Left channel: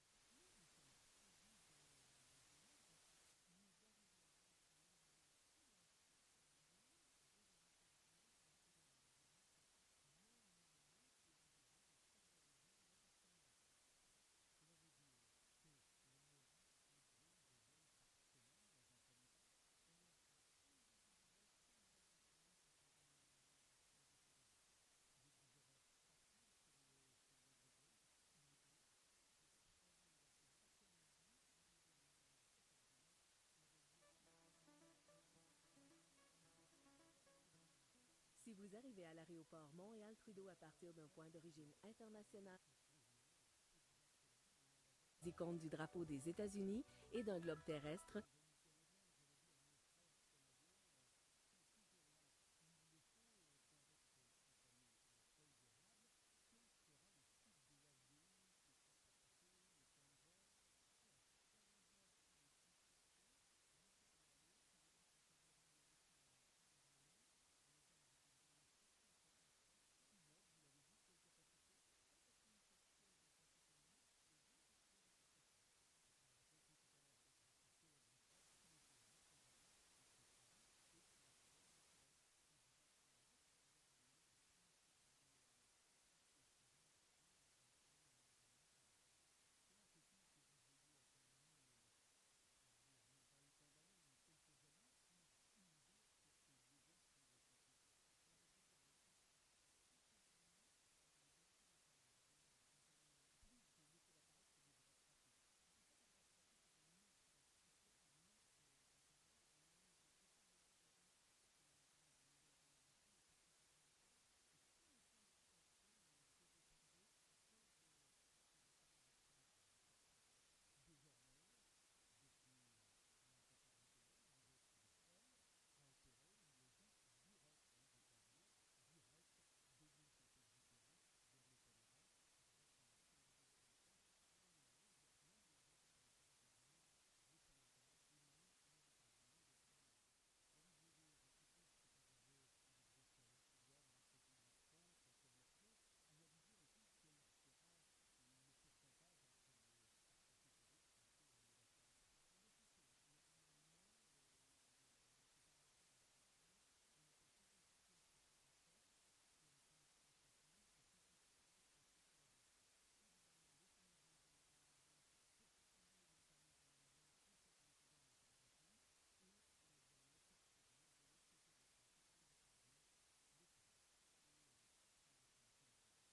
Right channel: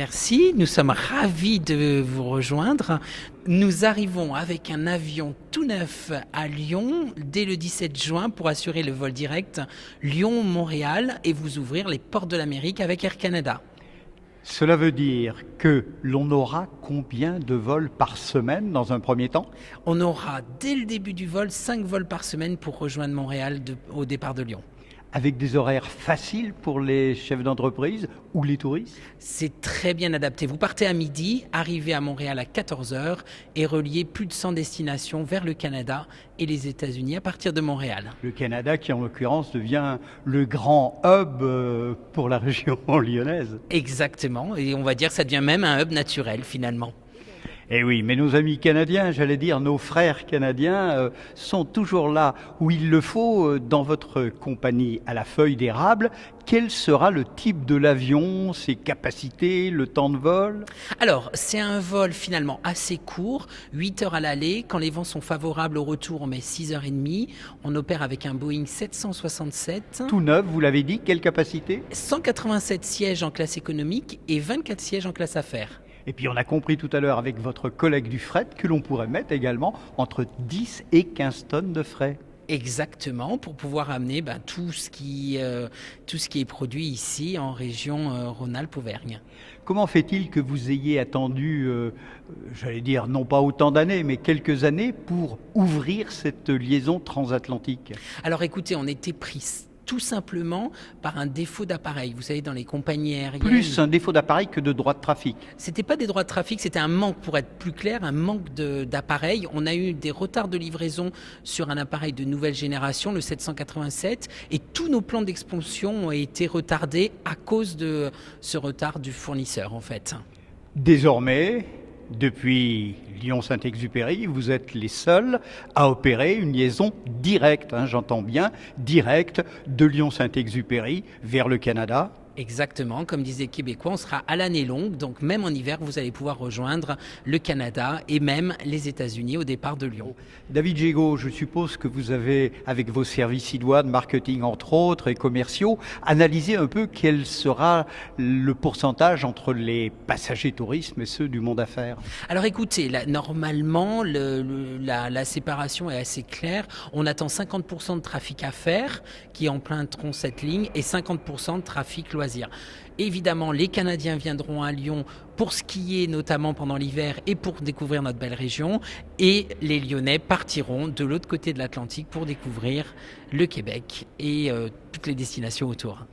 Merci, nous sommes ravis de vous rejoindre. Nous arrivons avec un avion tout neuf à Lyon dès le 17 juin pour assurer le vol direct Lyon-Montréal et vous ouvrir les portes de l'Amérique avec Air Canada. Cela veut dire que l'on aura combien de vols par semaine dans un premier temps? On aura dès le début du vol 5 vols par semaine pour rejoindre Montréal au départ de Lyon. Avec des horaires faciles pour les chefs d'entreprise ou les touristes? C'est très bien adapté. Vous partez à midi, arrivez à Montréal à 14 heures et reliez plus de 100 destinations vers le Canada et les États-Unis à partir de Montréal. Le Canada qui en l'occurrence devient le grand hub pour la région lyonnaise. Exactement, et on va dire que ça devient même un hub naturel finalement. Eh oui, mais nos amis canadiens, j'allais dire nos frères canadiens, sont toujours là où il le faut dans votre compagnie à la feuille d'érable. Quel sera le type de l'avion, ses capacités, le temps de vol? Alors, c'est un vol finalement assez court, 8 heures à l'aller. Quand les vents sont favorables au retour, on met 6h30. On opère avec un Boeing 767. Tout neuf, vous l'avez dit, quelle capacité? 187 sièges en classe économique et 24 sièges en classe affaires. Et puis on a compris tout à l'heure avec votre collègue du fret que l'on pourrait mettre également entre 10 et 15 tonnes de frais. Exactement, pour pouvoir amener tout ce qui est produit ici en région Rhône-Alpes-Auvergne. Comment fait-il que vous ayez attendu, j'allais dire non pas autant d'années, mais quelques années pour ouvrir cette liaison transatlantique? Alors écoutez, on était pris tout simplement par un défaut d'appareil. Vous savez, dans les compagnies aériennes... Plus un défaut d'appareil que de droits de trafic. C'était pas des droits de trafic, c'était un manque, pour être plus clair, un manque d'appareil. On a eu des retards de livraison sur un appareil de nouvelle génération, le 787, et tous nos plans d'expansion ont été retardés à cause de ce retard du fournisseur, en fait. Désormais, depuis Lyon-Saint-Exupéry, vous êtes les seuls à opérer une liaison directe, j'entends bien, directe de Lyon-Saint-Exupéry vers le Canada. Exactement, comme disait Québécois, on sera à l'année longue, donc même en hiver, vous allez pouvoir rejoindre le Canada et même les États-Unis au départ de Lyon. David Gégaud, je suppose que vous avez, avec vos services idoines, marketing entre autres et commerciaux, analysé un peu quel sera le pourcentage entre les passagers tourisme et ceux du monde affaires. Alors écoutez, normalement, la séparation est assez claire. On attend 50% de trafic affaires qui emprunteront cette ligne et 50% de trafic loisirs. Évidemment, les Canadiens viendront à Lyon pour skier, notamment pendant l'hiver, et pour découvrir notre belle région. Et les Lyonnais partiront de l'autre côté de l'Atlantique pour découvrir le Québec et toutes les destinations autour.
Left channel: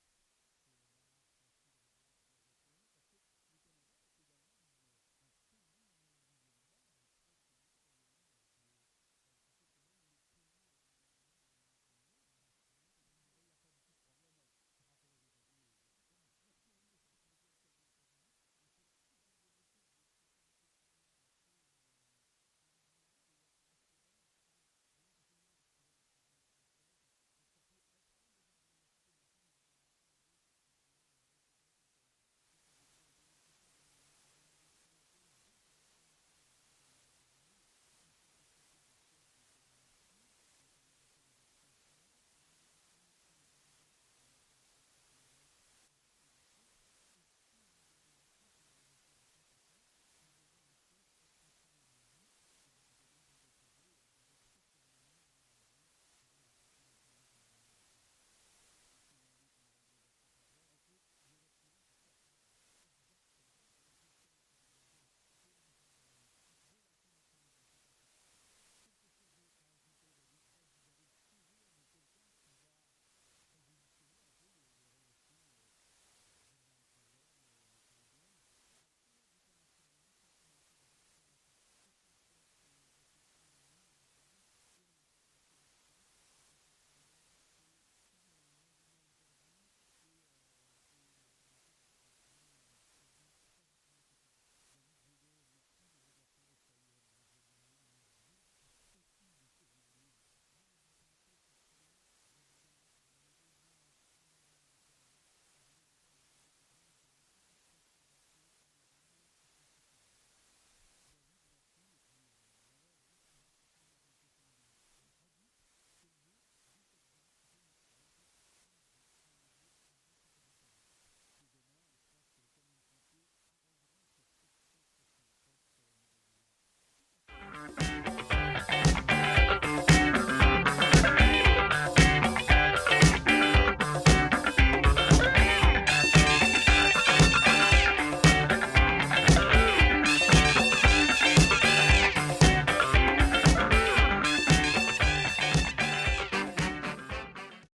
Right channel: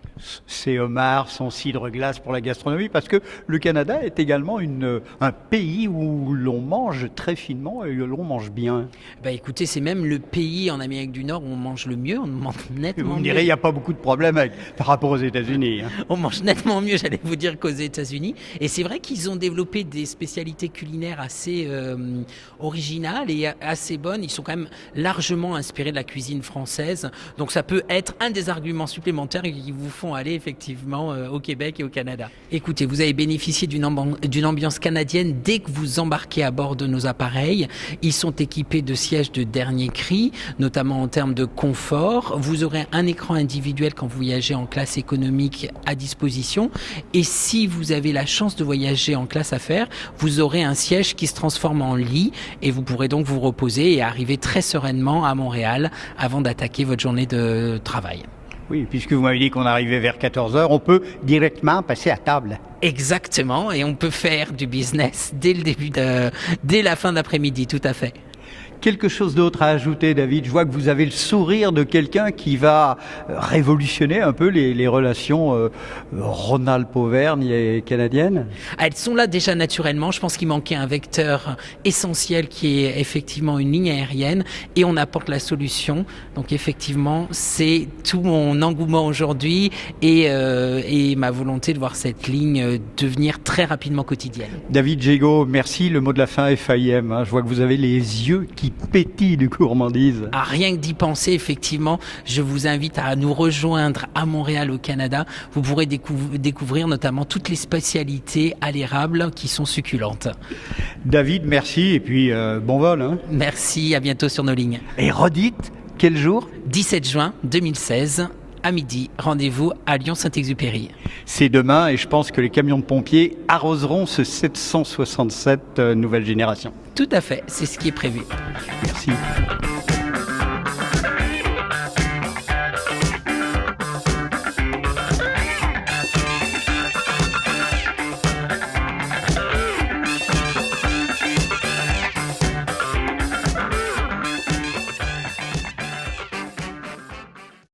Ces homards, son cidre glace pour la gastronomie, parce que le Canada est également un pays où l'on mange très finement et où l'on mange bien. Écoutez, c'est même le pays en Amérique du Nord où on mange le mieux, on mange nettement mieux. Vous me direz, il n'y a pas beaucoup de problèmes par rapport aux États-Unis. On mange nettement mieux, j'allais vous dire, qu'aux États-Unis. Et c'est vrai qu'ils ont développé des spécialités culinaires assez originales et assez bonnes. Ils sont quand même largement inspirés de la cuisine française. Donc ça peut être un des arguments supplémentaires qui vous font aller effectivement au Québec et au Canada. Écoutez, vous avez bénéficié d'une ambiance canadienne dès que vous embarquez à bord de nos appareils. Ils sont équipés de sièges de dernier cri, notamment en termes de confort. Vous aurez un écran individuel quand vous voyagez en classe économique à disposition. Et si vous avez la chance de voyager en classe affaires, vous aurez un siège qui se transforme en lit et vous pourrez donc vous reposer et arriver très sereinement à Montréal avant d'attaquer votre journée de travail. Oui, puisque vous m'avez dit qu'on arrivait vers 14 heures, on peut directement passer à table. Exactement, et on peut faire du business dès la fin d'après-midi, tout à fait. Quelque chose d'autre à ajouter, David? Je vois que vous avez le sourire de quelqu'un qui va révolutionner un peu les relations Rhône-Alpes-Auvergne et canadiennes. Elles sont là déjà naturellement. Je pense qu'il manquait un vecteur essentiel qui est effectivement une ligne aérienne et on apporte la solution. Donc effectivement, c'est tout mon engouement aujourd'hui et ma volonté de voir cette ligne devenir très rapidement quotidienne. David Gégaud, merci. Le mot de la fin, FAIM. Je vois que vous avez les yeux qui pétille de gourmandise. Rien que d'y penser, effectivement, je vous invite à nous rejoindre à Montréal, au Canada. Vous pourrez découvrir notamment toutes les spécialités à l'érable qui sont succulentes. David, merci et puis bon vol. Merci, à bientôt sur nos lignes. Et redites, quel jour? 17 juin 2016 à midi. Rendez-vous à Lyon-Saint-Exupéry. C'est demain et je pense que les camions de pompiers arroseront ce 767 nouvelle génération. Tout à fait, c'est ce qui est prévu. Merci.